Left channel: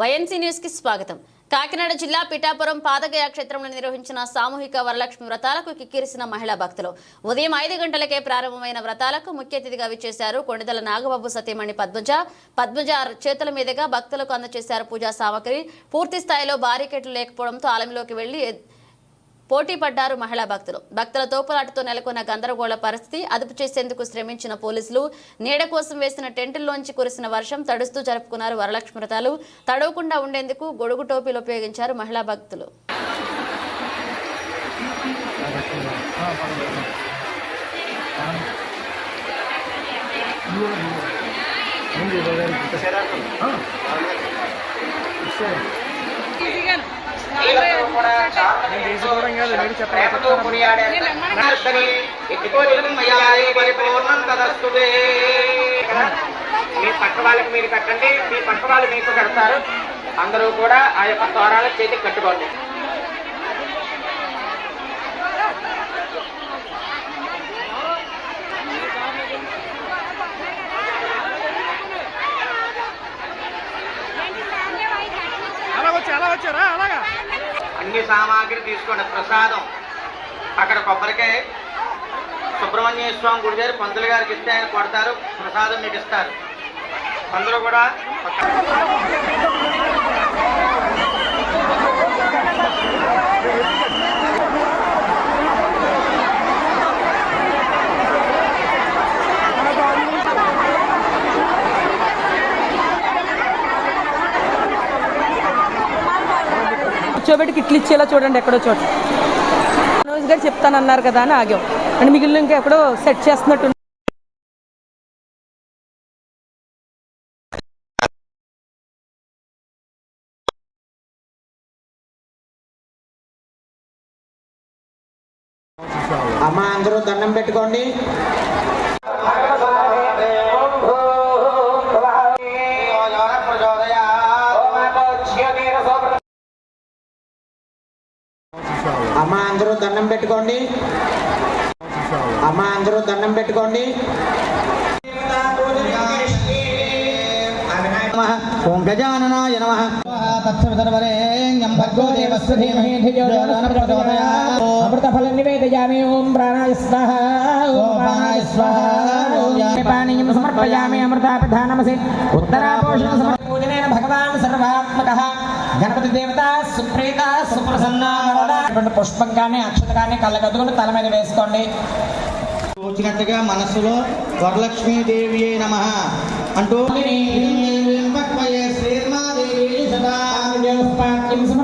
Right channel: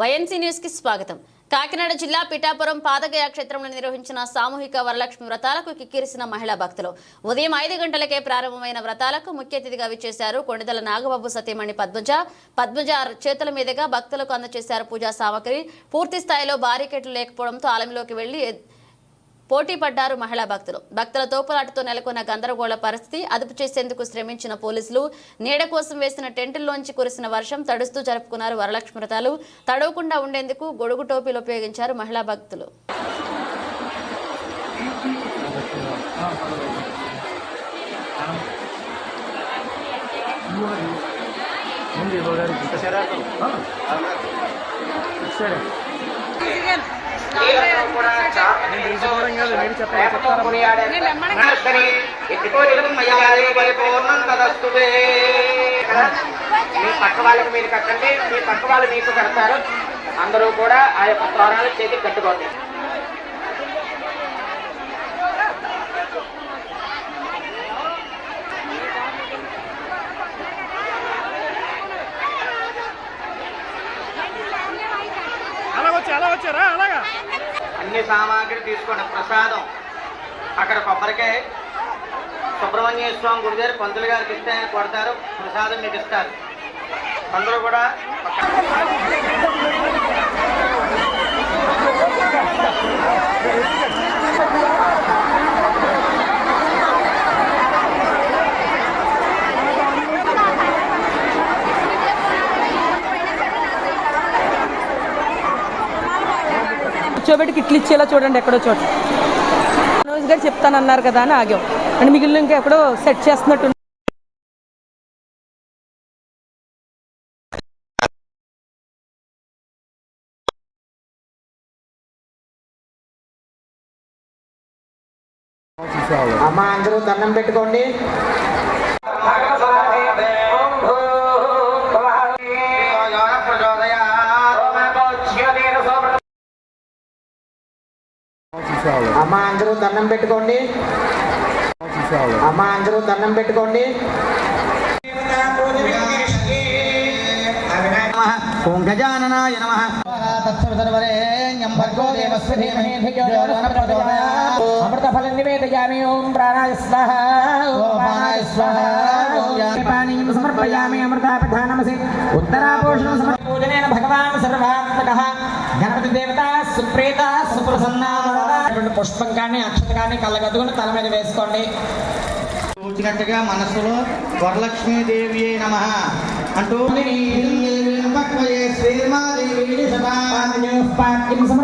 YNC న్యూస్కి స్వాగతం. కాకినాడ జిల్లా పిఠాపురం పాదగయ క్షేత్రంలో నిర్వహించిన సామూహిక వరలక్ష్మి వ్రతాలకు కిక్కిరిసిన మహిళా భక్తులు. ఉదయం ఐదు గంటలకే ప్రారంభమైన వ్రతాలకు ముఖ్య అతిథిగా విచ్చేశారు కొండదల నాగబాబు సతీమణి పద్మజ. పద్మజ చేతుల మీదుగా భక్తులకు అందజేశారు పూజా సామగ్రి. పూర్తి స్థాయిలో బారికెట్లు లేకపోవడంతో ఆలయంలోకి వెళ్ళి పోటీ పడ్డారు మహిళా భక్తులు. భక్తుల తోపులాటతో నెలకొన్న గందరగోళ పరిస్థితి అదుపు చేసేందుకు శ్రమించిన పోలీసులు నీడ కోసం వేసిన టెంటుల్లోంచి కురిసిన వర్షం తడుస్తూ జరుపుకున్నారు వరలక్ష్మి వ్రతాలు. తడవకుండా ఉండేందుకు గొడుగు టోపీలు ఉపయోగించారు మహిళా భక్తులు. నేను తీసుకోవడం కాదు మీరు చెప్పాలి మీ పక్క వాళ్ళకి మీరు కట్టండి మీ పక్క వాళ్ళు మీకు కడతారు అందరూ కూడా ఆ యొక్క తోరాలు చేతికి కట్టుకోండి చాలా వచ్చారా? అలాగా? అన్ని సామాగ్రి తీసుకోండి. ప్రసాదం. అక్కడ కొబ్బరికాయ. సుబ్రహ్మణ్య స్వామి గుడి గారు పంతులు గారికి ఇస్తే ఆయన కొడతారు. ప్రసాదం మీకు ఇస్తారు. పంతులు కూడా కూర్చోబెట్టి కిట్లు ఇచ్చేలా చూడండి ఎక్కడో చోట. మనోజ్ గారు చెప్తానన్నారు కదా అని ఆగాం. అండ్ మిగిలిన ఇంకా ఎక్కడో సెట్ చేస్తున్నట్టు అమ్మ అందరూ దండం పెట్టుకోండి. అమ్మ అందరూ దండం పెట్టుకోండి. అమ్మ అందరూ దండం పెట్టుకోండి. ఓం గజాననాయ నమ. తత్సర్వరేణ్యం భర్గో దేవస్య ధీమహి ధియో యో నః ప్రచోదయాత్ అమృతఫలం నివేదయామి. ఓం ప్రాణాయ స్వాహ. ఓం ప్రాణాయ స్వాహ. ఓం పానీయం సమర్పయామి. అమృతాపిధానమసి ఉత్తరాపోషణ సమర్పూజనేన భగవాన్ సర్వాత్మకః. గణపతి దేవత సుప్రీత సుప్రసన్న. వరద పుష్పం కానీ అక్షత కానీ కళ్ళగద్దుకుని తల మీద వేసుకోండి. వచ్చినట్టుగా మనసులో వరలక్ష్మీదేవి నమ అంటూ సమర్పయామి